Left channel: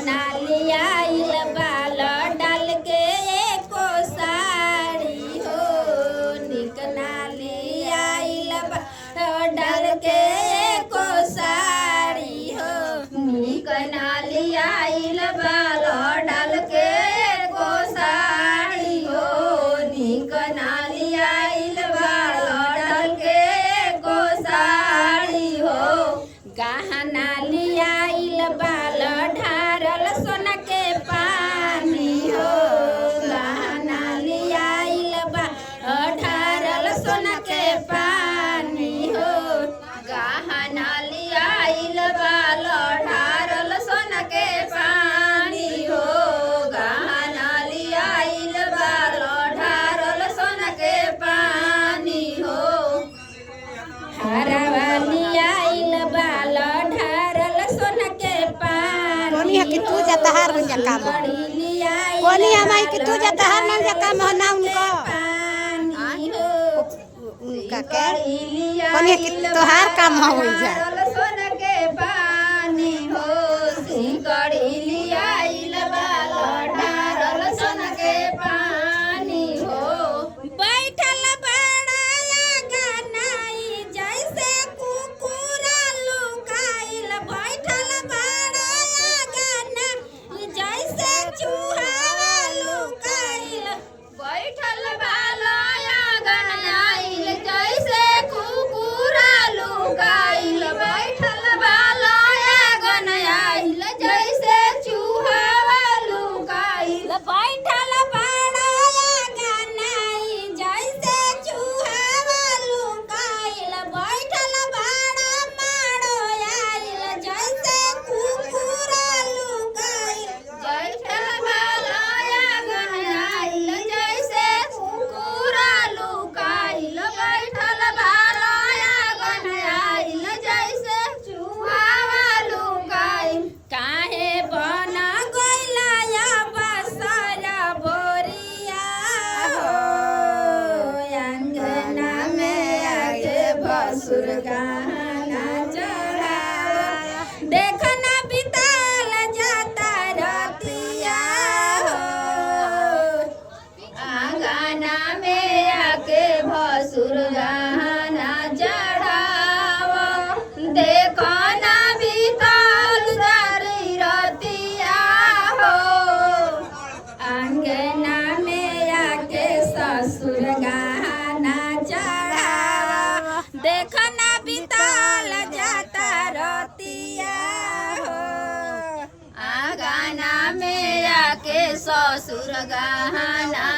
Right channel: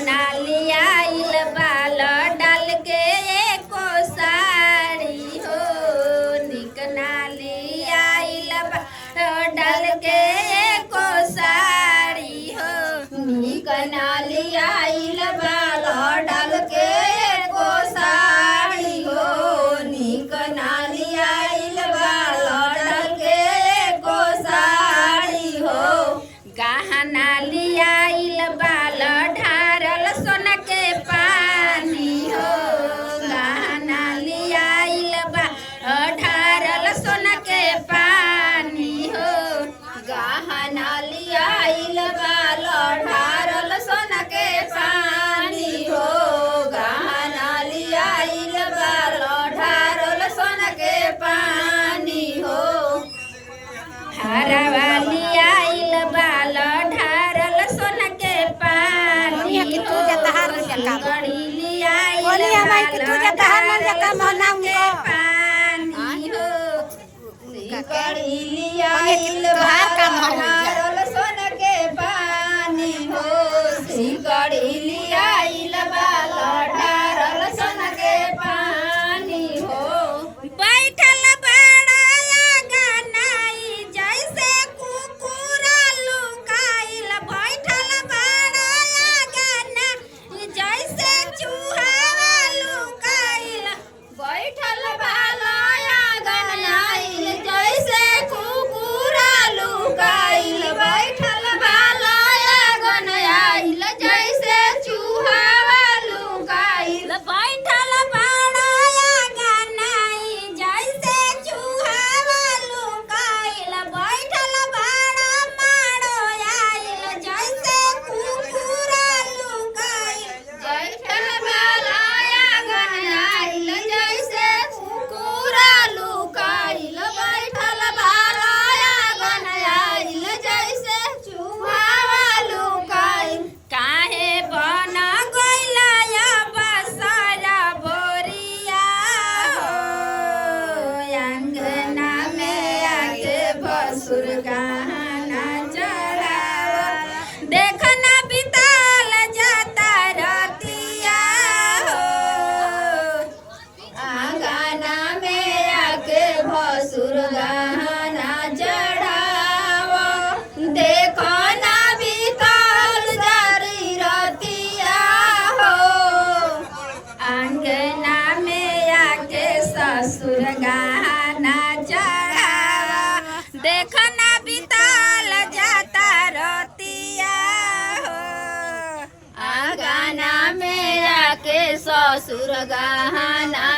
नालिया आइल बाल डाल के एको साड़ी हो निक नालिया आइल बाल डाल के एको साड़ी हो निक नालिया आइल बाल डाल के एको साड़ी हो निक नालिया आइल बाल डाल के एको साड़ी हो गहना लियाइल बाल ढारल सोना के पानी हो गहना लियाइल बाल ढारल सोना के पानी हो गहना लियाइल बाल ढारल सोना के पानी हो गहना लियाइल बाल ढारल सोना के पानी हो हरवा लियाइल बाल ढारल सोना के पानी हो सिंगड़ी लियाइल बाल ढारल सोना के पानी हो सिंगड़ी लियाइल बाल ढारल सोना के पानी हो सिंगड़ी लियाइल बाल ढारल सोना के पानी हो बैठल बड़ाया गनाई जैसे कुकुरा लुकाइल बैठल बड़ाया गनाई जैसे चूहा लुकाइल बैठल बड़ाया गनाई जैसे कुकुरा लुकाइल बैठल बड़ाया गनाई जैसे चूहा लुकाइल बैठल बड़ाया गनाई जैसे चूहा लुकाइल बैठल बड़ा मारो आइल जैसे कुकुरा लुकाइल बैठल बड़ाया गनाई जैसे कुकुरा लुकाइल बैठल बड़ाया गनाई जैसे चूहा लुकाइल काहे बन गइला या बसरा बोरिया हो अंगना में आके भसुर गहना चढ़ावा देखना बिताल जाता रतिया हो अंगना में आके भसुर गहना चढ़ावा देखना बिताल जारी रतिया हो अंगना में आके ससुर गहना चढ़ावा देखना बिताल जाता रतिया हो अंगना में आके ससुर गहना